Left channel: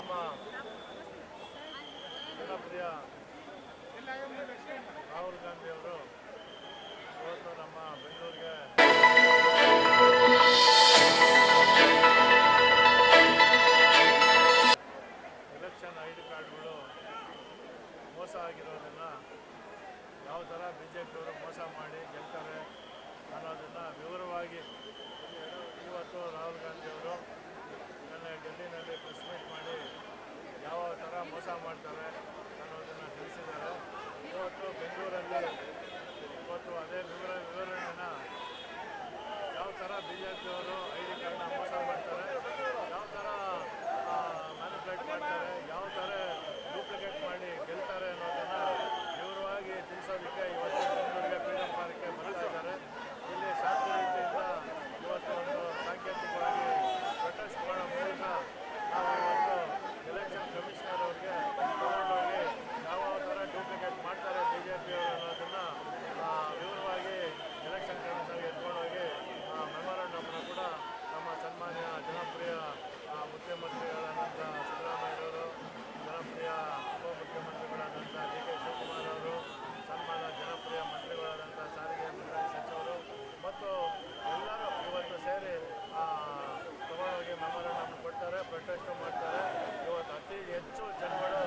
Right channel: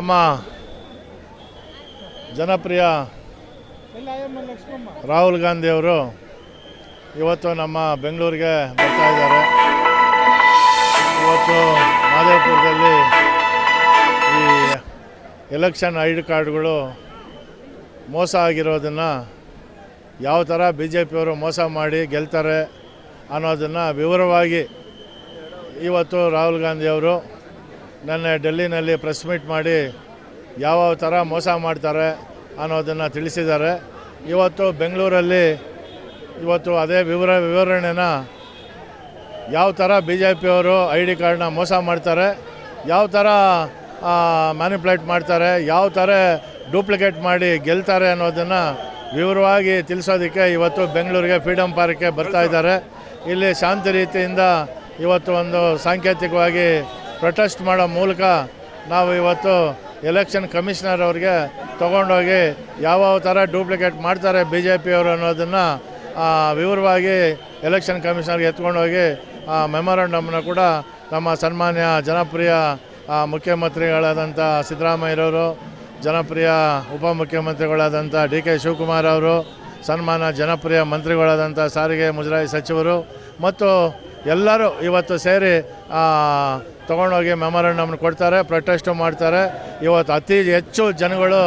ನಮ್ಮ ಜನಪ್ರಿಯ ರಾಹುಲ್ ಗಾಂಧಿ ಅವರು ಇವತ್ತು ನಮ್ಮ ಬೆಂಗಳೂರಿಗೆ ಬರ್ತಾ ಇದ್ದಾರೆ. ಇವತ್ತು ಮಾದೇಪುರದಲ್ಲಿ ಈ ಎಲೆಕ್ಷನ್ ಐ ಡಿ ಕಾರ್ಡ್ಗಳು ಮೋಸ ಆಗಿರೋದನ್ನು ಯಾವ ಥರ ಬಿ ಜೆ ಪಿಯವರು ಮೋಸ ಮಾಡಿ ಗೆಲ್ತಾರೆ ಅನ್ನೋದನ್ನು ವಿವರವಾಗಿ ಇವತ್ತು ರಾಹುಲ್ ಗಾಂಧಿಯವರು ನೆನ್ನೆ ಡೆಲ್ಲಿನಲ್ಲಿ ಪ್ರೆಸ್ ಮೀಟ್ ಮಾಡಿ ಯಾವ ಥರ ಮೋಸ ಮಾಡ್ತಾರೆ ಅನ್ನೋದನ್ನು ತಿಳಿಸಿದ್ದಾರೆ. ಇವತ್ತು ಬೆಂಗಳೂರಲ್ಲಿ ಇವತ್ತು ಅದೇ ವಿವರ ವಿವರಣೆನ ಯಾವ ಥರ ಬಿ ಜೆ ಪಿಯವರು ಐ ಡಿ ಕಾರ್ಡ್ನ ಮೋಸ ಮಾಡ್ತಾರೆ, ಯಾವ ಥರ ಮ್ಯಾನಿಪ್ಯುಲೇಟ್ ಮಾಡ್ತಾರೆ, ಯಾವ ಥರ ಡೂಪ್ಲಿಕೇಟ್ ಮಾಡಿ ಗೆಲ್ತಾರೆ ಅನ್ನೋದನ್ನು ವಿವರವಾಗಿ ತಿಳಿಸೋದಕ್ಕೆ ಇವತ್ತು ಬೆಂಗಳೂರಿಗೆ ಫ್ರೀಡಮ್ ಪಾರ್ಕ್ಗೆ ಬರ್ತಾ ಇದ್ದಾರೆ. ಇಲ್ಲಿ ಶಾಂತಿ ರೀತಿಯಿಂದ ಇವತ್ತು ಒಂದು ಸಾಂಕೇತಿಕವಾಗಿ ಪ್ರೊಟೆಸ್ಟ್ ಮಾಡೋ ಮೂಲಕ ನಾವು ಇವತ್ತು ಎಲೆಕ್ಷನ್ ಕಮಿಷನರ್ ಅವ್ರಿಗೆ ತೊಗೊಂಡೋಗಿ ಯಾವ ಥರ ಡೂಪ್ಲಿಕೇಟ್ ಮಾಡ್ತಾರೆ ಬಿ ಜೆ ಪಿಯವರು ಅನ್ನೋದನ್ನು ವಿವರವಾಗಿ ಎಲೆಕ್ಷನ್ ಕಮಿಷನರ್ಗೆ ಎತ್ಕೊಂಡೋಗಿ, ಆ, ಮೆಮೊರಾಂಡಮ್ನ ಕೂಡ ನಮ್ಮ ಸನ್ಮಾನ್ಯ ಜನಪ್ರಿಯ ಮುಖ್ಯಮಂತ್ರಿಗಳಾದಂಥ ಸಿದ್ದರಾಮಯ್ಯರವರು, ಜನಪ್ರಿಯ ಉಪಮುಖ್ಯಮಂತ್ರಿಗಳಾದಂಥ ಡಿ ಕೆ ಶಿವಕುಮಾರ್ ಅವರು ಸನ್ಮಾನ ಜನಪ್ರಿಯ ಮಂತ್ರಿಗಳಾದಂಥ ಸಾರಿಗೆ ಮುಜರಾಯಿ ಸಚಿವರು ಮತ್ತು ಎಲ್ಲರೂ ಇವತ್ತು ಸೇರಿ ತೊಗೊಂಡೋಗಿ ಮೆಮೊರಂಡಮ್ನ ಕೊಡ್ತಾರೆ, ಪ್ರೊಟೆಸ್ಟು ಮಾಡ್ತಾರೆ. ಇವತ್ತು ಅತಿ ಹೆಚ್ಚು ಜನಗಳು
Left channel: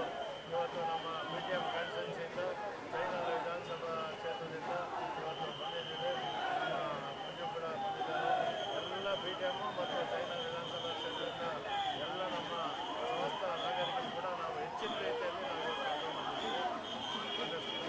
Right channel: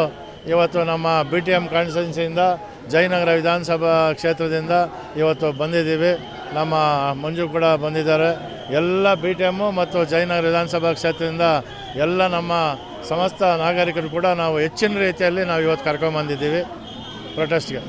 ಇವತ್ತು ನಮ್ಮ ಬಿ ಟಿ ಎಂ ಕಾನ್ಸ್ಟಿಟ್ಯೂನ್ಸಿಯಿಂದ, ಜಯನಗರ ವಿಧಾನಸಭಾ ಕ್ಷೇತ್ರದಿಂದ ಇವತ್ತು ಬಂದಿದ್ದೀವಿ. ನಮ್ಮ ಮಂಜು ಕೂಡ ಬಂದಿದ್ದಾರೆ. ಎಲ್ಲ ಬಿ ಟಿ ಎಮ್ಮು ಮತ್ತು ಜಯನಗರ ವಿಧಾನಸಭಾ ಕ್ಷೇತ್ರದಿಂದ ಎಲ್ಲ ನಮ್ಮ ಸಮಸ್ತ ನಾಗರಿಕರು ಕೂಡ ನಾವು ಹೆಚ್ಚಿನ ರೀತಿಯಲ್ಲಿ ನಾವು ಇವತ್ತು ಕರ್ಕೊಂಬಂದಿದ್ದೀವಿ ಪ್ರೊಟೆಸ್ಟ್ಗೆ.